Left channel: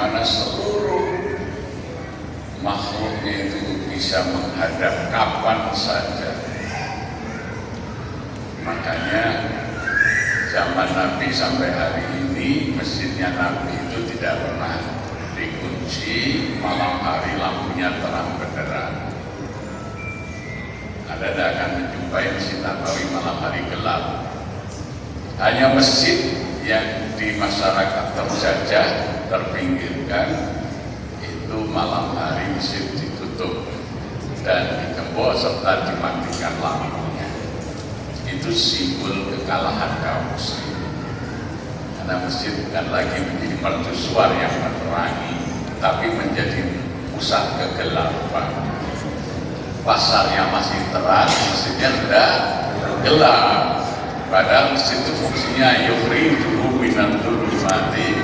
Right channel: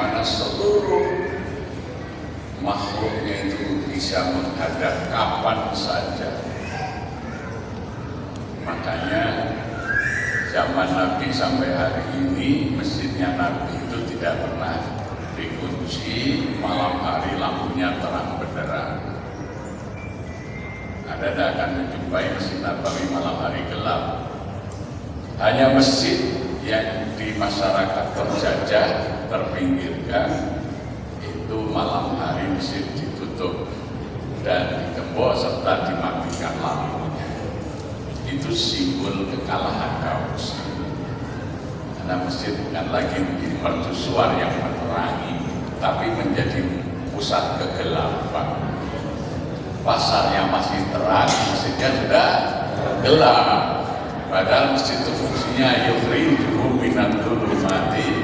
mana seluruh makhluknya itu bisa menghadap kapan saja. Makanya zaman Nabi sampai hari ini masjidnya Nabi itu tidak pernah dikunci, malam hari lampunya terang benderang. Anda tidak akan menjumpai Masjid Nabawi malam hari gelap. Hanya masjid yang di masyarakat terjajah, terpinggirkan, itu malam hari masjid ditutup dan digembok serta dimatikan lampunya. Itu simbol kekalahan kaum muslimin. Karena masjid bukan lagi menjadi mercusuar yang menerangi, tapi menjadi pusat kegelapan. Pasarnya masih terang, masjidnya sudah gelap. Padahal masjid itu fungsinya yukhrijuhum minadh dhulumati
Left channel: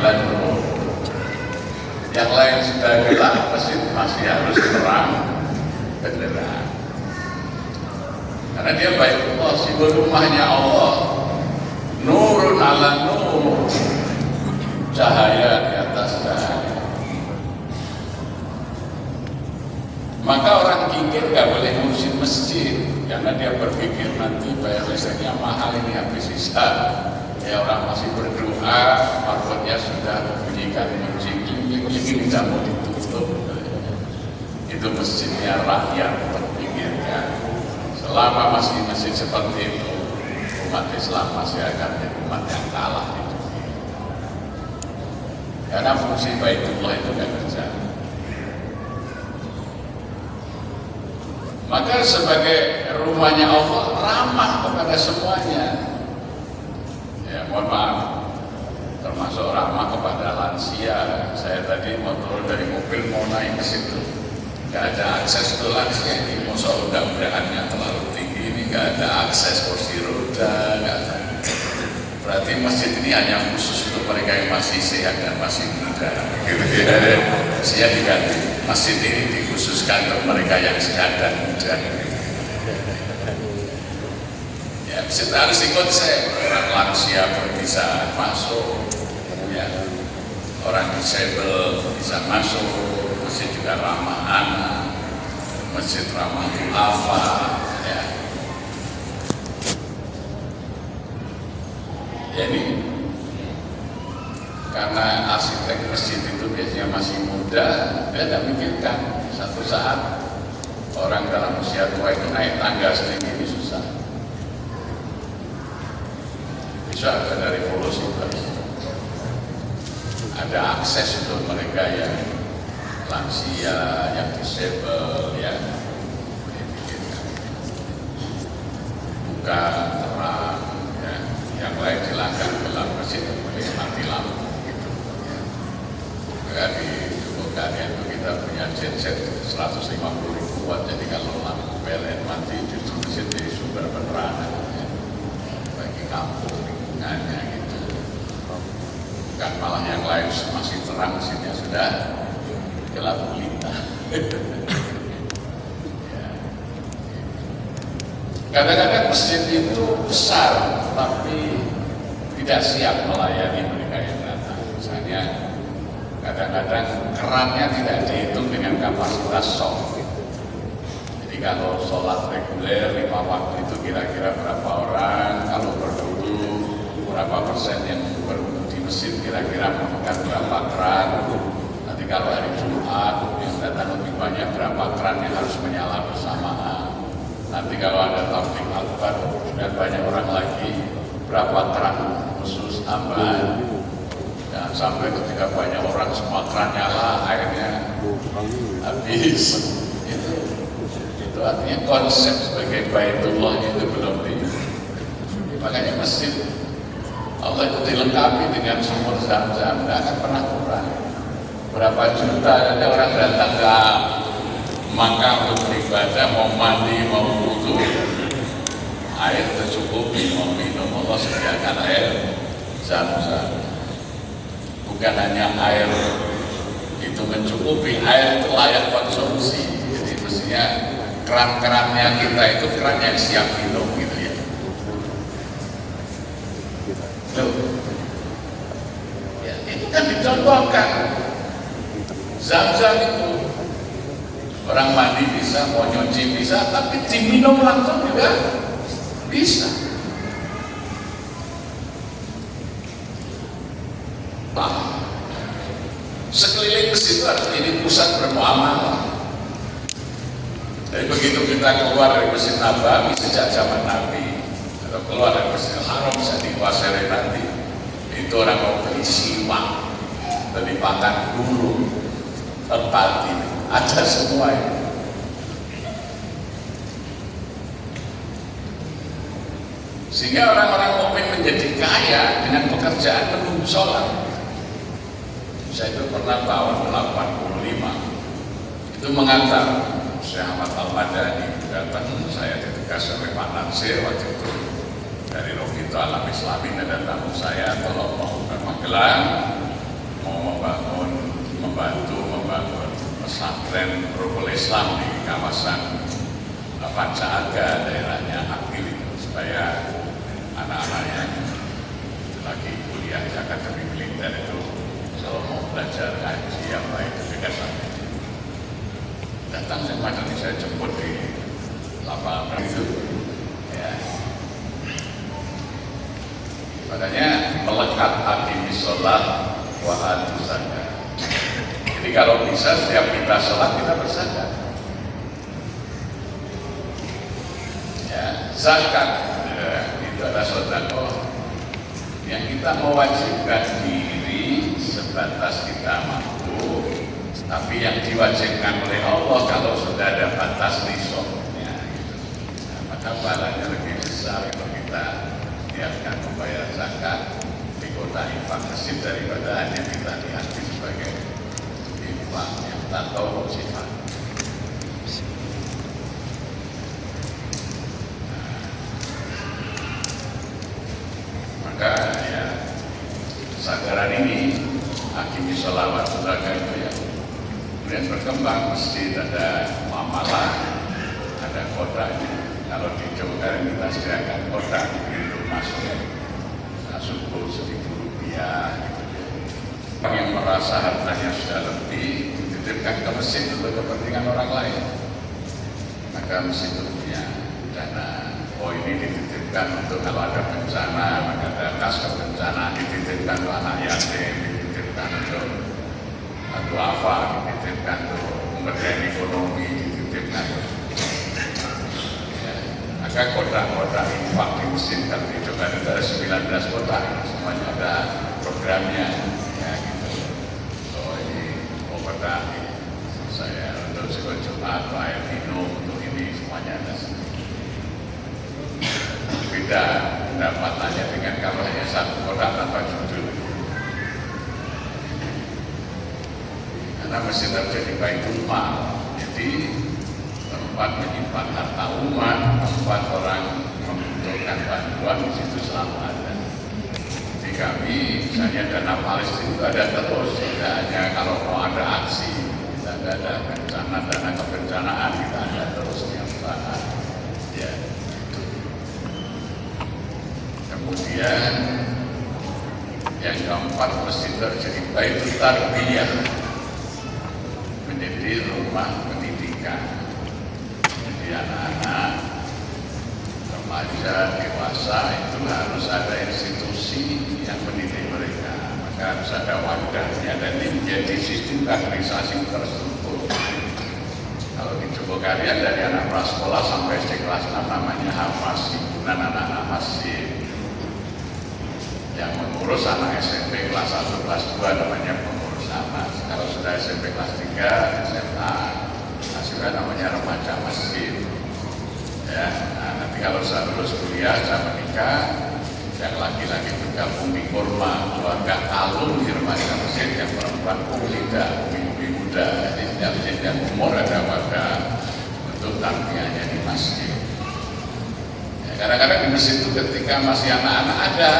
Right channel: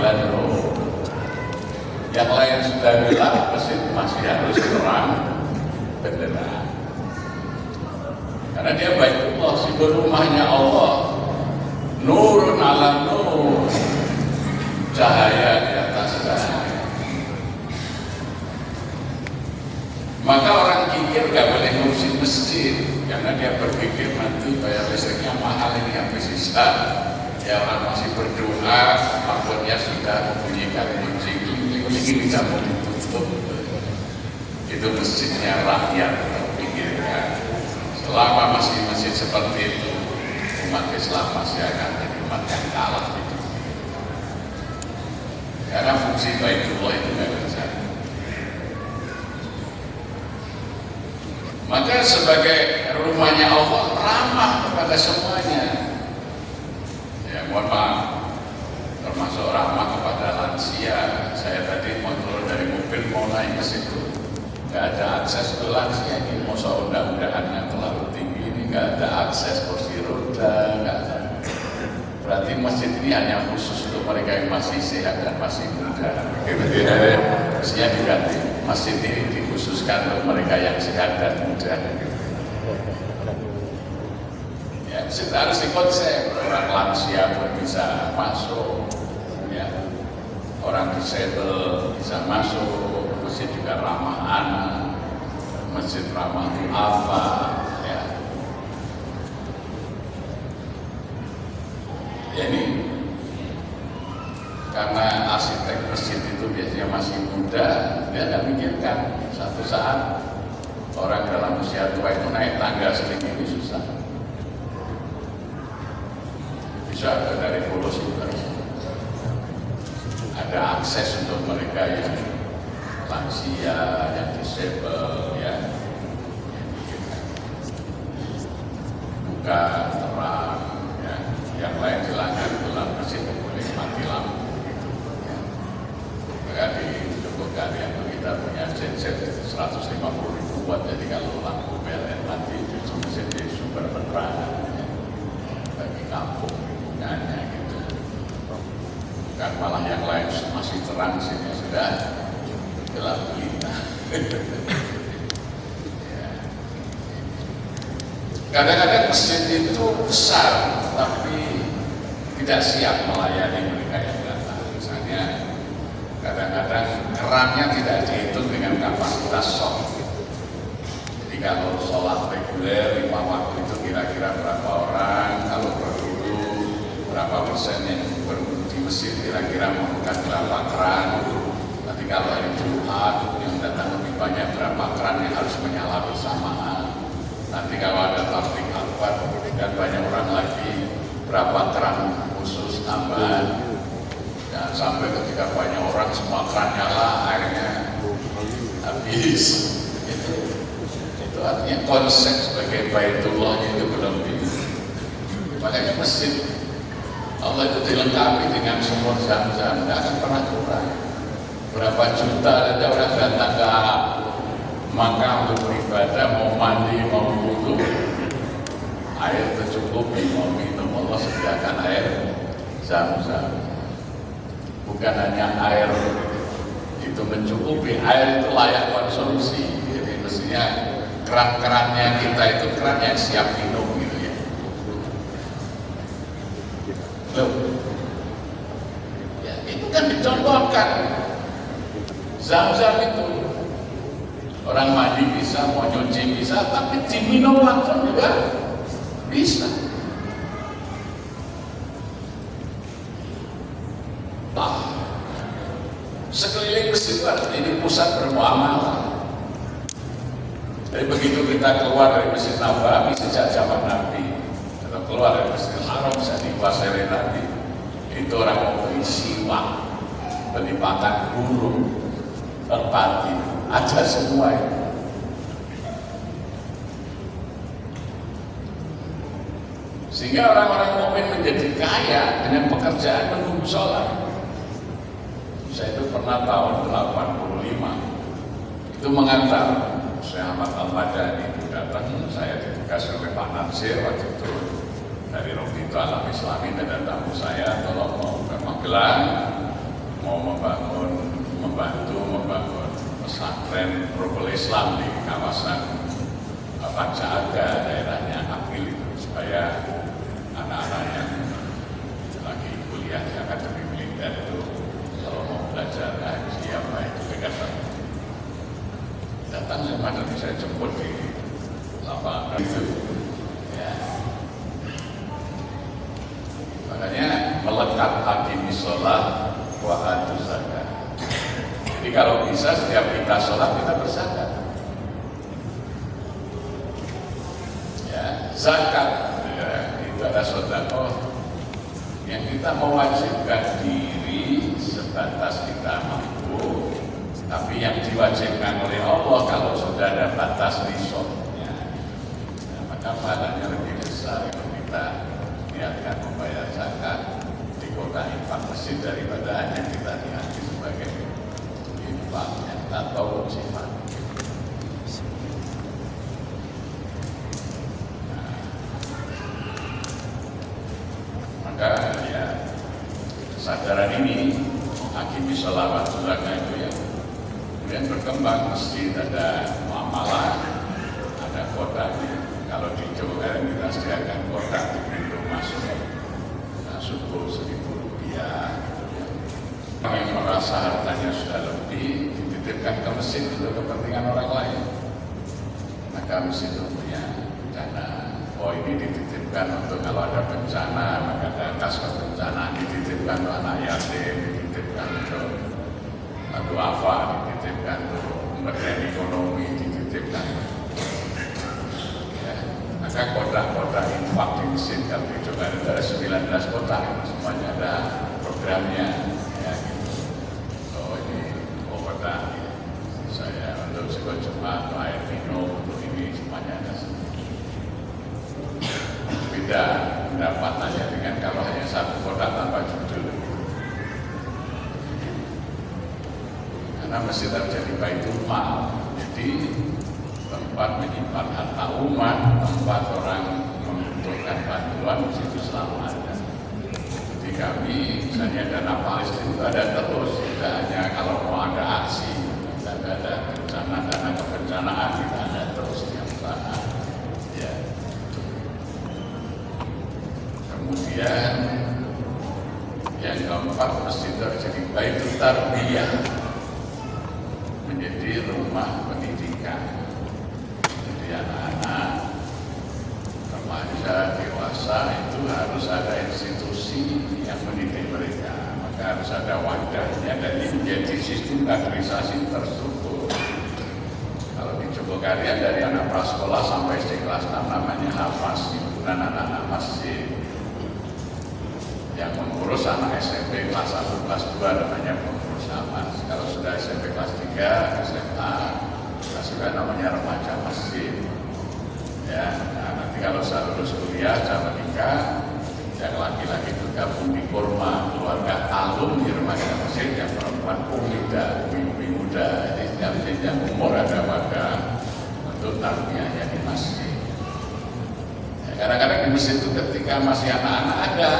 ilan nur. Yang lain sudah gelap, masjid masih harus terang benderang. Karena dia Baitullah, simbol rumahnya Allah. Nurun ala nur, cahaya di atas cahaya. Maka orang kikir gak boleh ngurusin masjid, karena dia berpikir nanti bayar listriknya mahal, ini habis sisa. Ya orang masih berdoa, makhluknya sudah membunyikan musik, klik-klik dicabut ditutup. Itu masjidnya rakyat terpikirkan. Selama masih masjid seperti itu, umat Islam masih akan menjadi umat yang kalah di dunia. Karena fungsi Baitullah itu gak berjalan. Maka sebagai rumahnya Allah ramah kepada semuanya. Ya mohon maaf, termasuk ramah kepada lansia. Saya tadi mau turun dari mobil mau naik ke situ, nggak ada akses ke lansia ini. Masa undang-undangannya terlalu tinggi ini, nggak ada akses kursi roda, nggak ada. Berarti masjid ini hanya khusus untuk mereka yang masih sehat dan masih muda. Gitu ya. Mestinya diganti. Masjid ini dikhususkan untuk mereka yang sehat dan muda. Ya, masjid harus dikonsep. Orang lansia pun bisa masuk. Ya. Orang disabel bisa masuk. Masjid juga ramah anak. Masjid ramah duafa. Ya. Jadi karena arsitek masjid itu biasanya masih muda, dia tidak mikirkan satu saat orang dalam usia tua itu naik tangga setinggi ini susah. Bisa ada revolusi baru. Ada akses untuk mereka yang lansia, yang disabel, ya. Buka terang, ya. Yang lain silakan gelap masjid boleh mati lampu gitu. Ya. Maka dicukupkan ya, kita punya genset 150.000 watt, jadi kalau lampu PLN mati itu masjid jadi sumber penerangan ya, bagi kampung lingkungannya gitu. Bukan malah yang lain masih terang, sini sudah gelap gulita. Kadang-kadang masjid itu besar, tapi tidak siap melayani mereka yang datang. Misalnya, kadang-kadang kerannya tidak dihitung dengan kapasitas soft. Jadi kalau sholat reguler 5 waktu itu kira-kira berapa orang, kalau berwudu berapa persen yang berwudu di masjid kira-kira memerlukan berapa keran. Nanti kalau hari Jumat yang datang lebih banyak berapa keran yang harus menyala bersamaan. Nanti kalau ada taufik akbar dan banyak orang lagi, berapa keran khusus tambahan. Dan sampai ketika banyak orang semua keran nyala, airnya habis. Itu artinya konsep sebagai Baitullah itu belum di. Makanya masjid Allah itu dilengkapi dengan sumur Zam-Zam, tidak akan pernah kurang. Berapa juta ada orang datang ke Makkah untuk beribadah, mau mandi, mau wudu, air tercukupi, mau minum, Allah sediakan air Zam-Zam. Bukan hanya air itu mencukupi, air itu layak konsumsi. Jadi mestinya keran-kerannya kita itu keran yang siap minum gitu ya. Loh, ya itu kan dicontohkan diperbolehkan. Zam-zam itu orang mandi bisa, mau nyuci bisa, tapi diminum langsung juga bisa. Pak, sekeliling masjid itu harus ini pusat bermuamalah. Jadi begitu kita keluar dari Masjid Nabawi sejak zaman Nabi, atau keluar dari Masjidil Haram saya dikuasai Nabi, itu orang mau beli siwak, beli pakan burung, peti, ada semua itu. Sehingga orang-orang mukmin menjadi kaya dengan pekerjaan menunggu sholat. Saya itu pernah tahun 85 itu mengantar Syekh Ahmad Al-Madani datang, saya ditugas oleh Pak Nansir waktu itu dari Robito Alam Islami, dan tamu saya tolong mau ke Magelang, mau membantu membangun pesantren Rukul Islam di kawasan Panca Aga, daerahnya Akil itu, supaya anak-anak yang lagi kuliah di Akademi Militer itu kalau mau belajar ngaji yang baik dekat sana. Datang sama saya jemput di lapangan itu, ya. Makanya melekat aqimis sholat wa atuz zakat. Jadi kalau bisa setiap kita sholat kita berzakat. Ya, zakat ya, itu adalah sedekah yang kita mewajibkan diri sebatas kita mampu. Tapi yang diwajibkan oleh Allah kalau sudah ada batas nisabnya, gitu. Nah, maka pahalanya lebih besar kalau kita niatkan membayar zakat di kota infak masjid daripada hanya kita niati sebagai infak yang tak tahu sifat. Nah, maka ya kesadaran ini aqimis sholawat zakat itu ya. Kemudian berkembang masjid, ada muamalah, ada kodanya. Kalau di Jogja kita sediakan koda pintu masuk, nah, suku Rp1.000 gitu ya. Yang merasa hartanya sudah lebih dititipkan ke masjid untuk kepentingan orang lain, maka masjid itu punya dana. Oh, ini dititipkan untuk kalau ada bencana, maka ada kas kebencanaan dititipkan untuk anak yatim, dititipkan untuk duafa, dititipkan untuk pemberdayaan ekonomi, dititipkan. Ya, maka kotak-kotak infak di masjid kan di Jogja itu ada 19 kotak, semuanya ada programnya. Ya, gitu. Oh, ini kotak saya untuk sekolah Jumat, air minum, untuk ini semuanya ada. Beda pendapatannya dengan kalau hanya satu kotak tanpa judul. Karena mesti terjadi baitul mal, jadi tempat menyimpan harta umat, tempat orang membutuhkan bantuan di situ selalu ada. Jadi kami misalnya dana Palestina itu ada terus, tidak hanya kalau mau ada aksi, kita ada bencana, dana kebencanaan kita ada terus tiap saat. Ya. Kemudian yang keempat mesti terjadi baitul tarbiyah, menjadi rumah pendidikan. Jadi anak-anak, remaja, dewasa itu harus ada institusi yang mendidik mereka. Maka harus ada wadahnya dan ini menjadi sistem kaderisasi terstruktur. Kalau di Jogokarian dari anak prasekolah sampai SD kelas 6 namanya Hamas, himpunan anak-anak masjid. Yang mengurus anak SMP kelas 1, kelas 2 namanya pengurus Hamas. Kalau sudah SMP kelas 3, SMA, sudah namanya remaja masjid. Ya, nah, nanti kalau sudah lulus kuliah, sudah menikah, yang laki-laki bergabung di kurma keluarga alumni remaja masjid, yang perempuan umida, umi muda. Jadi yang umur ada wadah untuk tarbiyahnya di masjid. Ya, kadang-kadang di masjid itu ketika masih anak-anak ada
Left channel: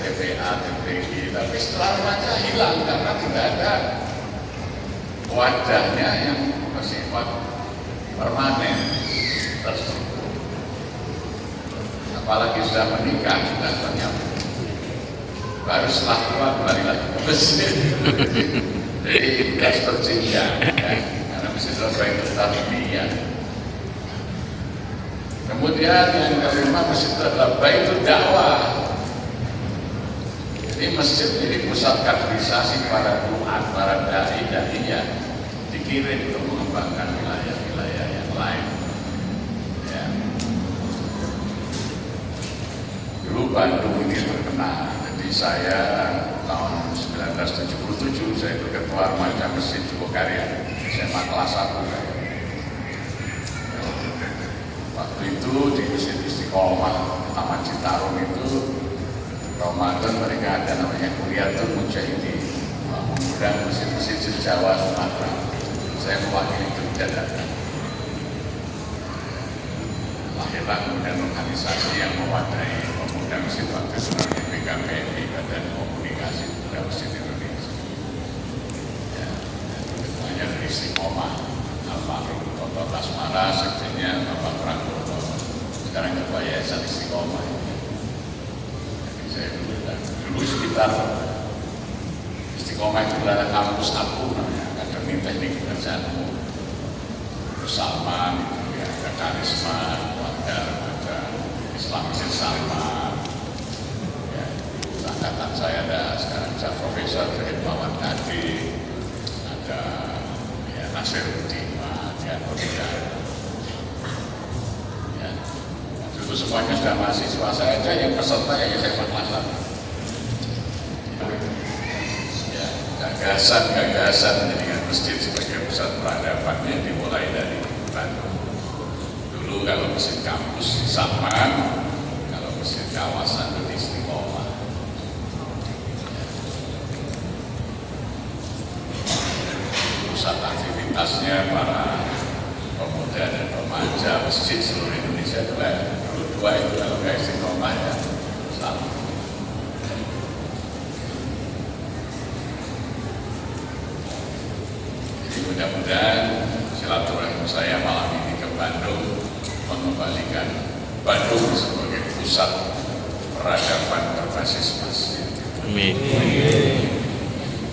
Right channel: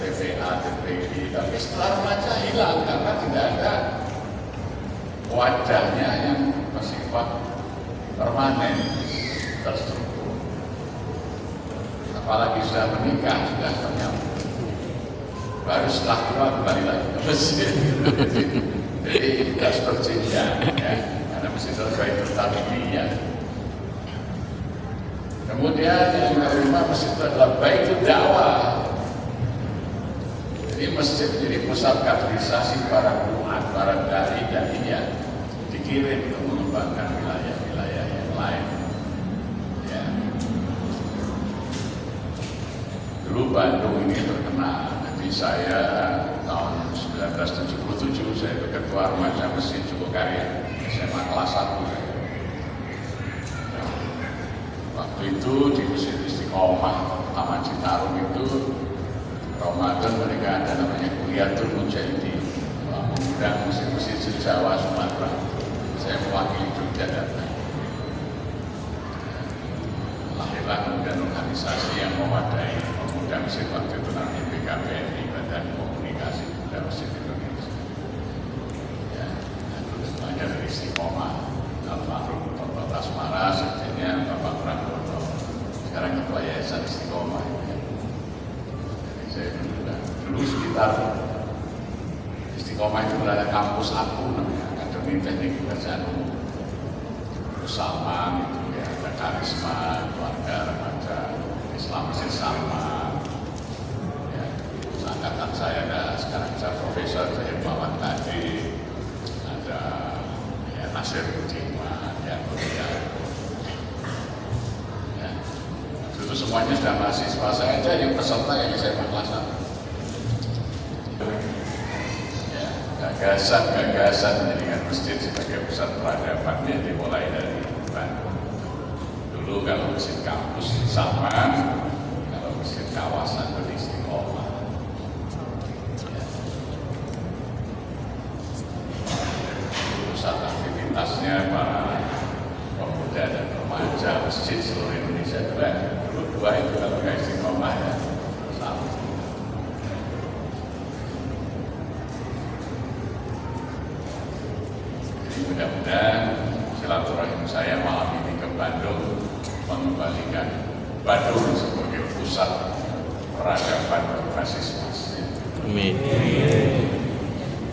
TPA, TPI, tapi setelah remaja hilang karena tidak ada wadahnya yang bersifat permanen terstruktur. Apalagi sudah menikah, sudah ternyata. baru setelah tua kembali lagi ke masjid. Jadi harus berjenjang ya, karena masjid itu Baitul Tarbiyah. Kemudian yang kelima, masjid itu adalah Baitul Dakwah. Jadi masjid jadi pusat kaderisasi para duat, para dai-dai, dikirim untuk mengembangkan wilayah-wilayah yang lain. Ya. Dulu Bandung ini terkenal. Jadi saya tahun 1977 saya itu ketua remaja Masjid Jogokarya, SMA kelas 1 saya. Ya. Waktu itu di Masjid Istiqomah Taman Citarum itu Ramadan mereka ada namanya Kuliatul Mujahidin, mengundang masjid-masjid di Jawa, Sumatera. Saya mewakili Jogja datang. Lahirlah kemudian organisasi yang mewadahi pemuda masjid waktu itu namanya BKPMI, Badan Komunikasi Pemuda Masjid Indonesia. Ya, ketuanya dari Istiqomah, Almarhum Bapak Kasmara, sekjennya Bapak Pranggono, sekarang ketua Yayasan Istiqomah. Dulu sekitar Istiqomah itu ada kampus aku namanya, Akademi Teknik Pekerjaan Umum bersama gitu ya, ada karisma, ada Islam bersama ya, angkatan saya ada sekarang bisa Profesor Hermawan Tadi, ada ya, Nasir Udima, Dian Mulia ya. Itu semuanya sudah mahasiswa, saya aja yang peserta yang SMA kelas 1. Ya, gagasan menjadikan masjid sebagai pusat peradabannya dimulai dari Bandung. Dulu kalau masjid kampus di Saman, kalau masjid kawasan di Istiqomah. Ya. Pusat aktivitasnya para pemuda dan remaja masjid seluruh Indonesia juga. Dua itu kalau nggak Istiqomah ya satu. Jadi mudah-mudahan silaturahim saya malam ini ke Bandung mengembalikan Bandung sebagai pusat peradaban berbasis masjid. Amin.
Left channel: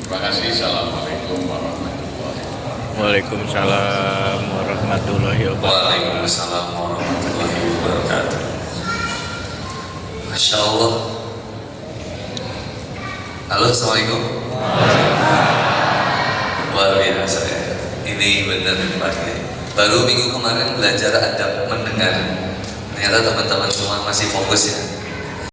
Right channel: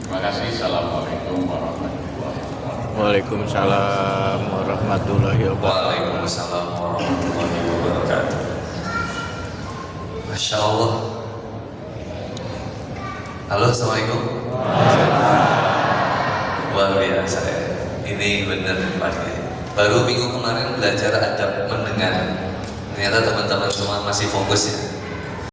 Terima kasih. Assalamualaikum warahmatullahi wabarakatuh. Waalaikumsalam warahmatullahi wabarakatuh. Waalaikumsalam warahmatullahi wabarakatuh. Masya Allah. Halo, assalamualaikum. Luar biasa ya. Ini benar Pak Kiai. Baru minggu kemarin belajar adab mendengar. Ternyata teman-teman semua masih fokus ya.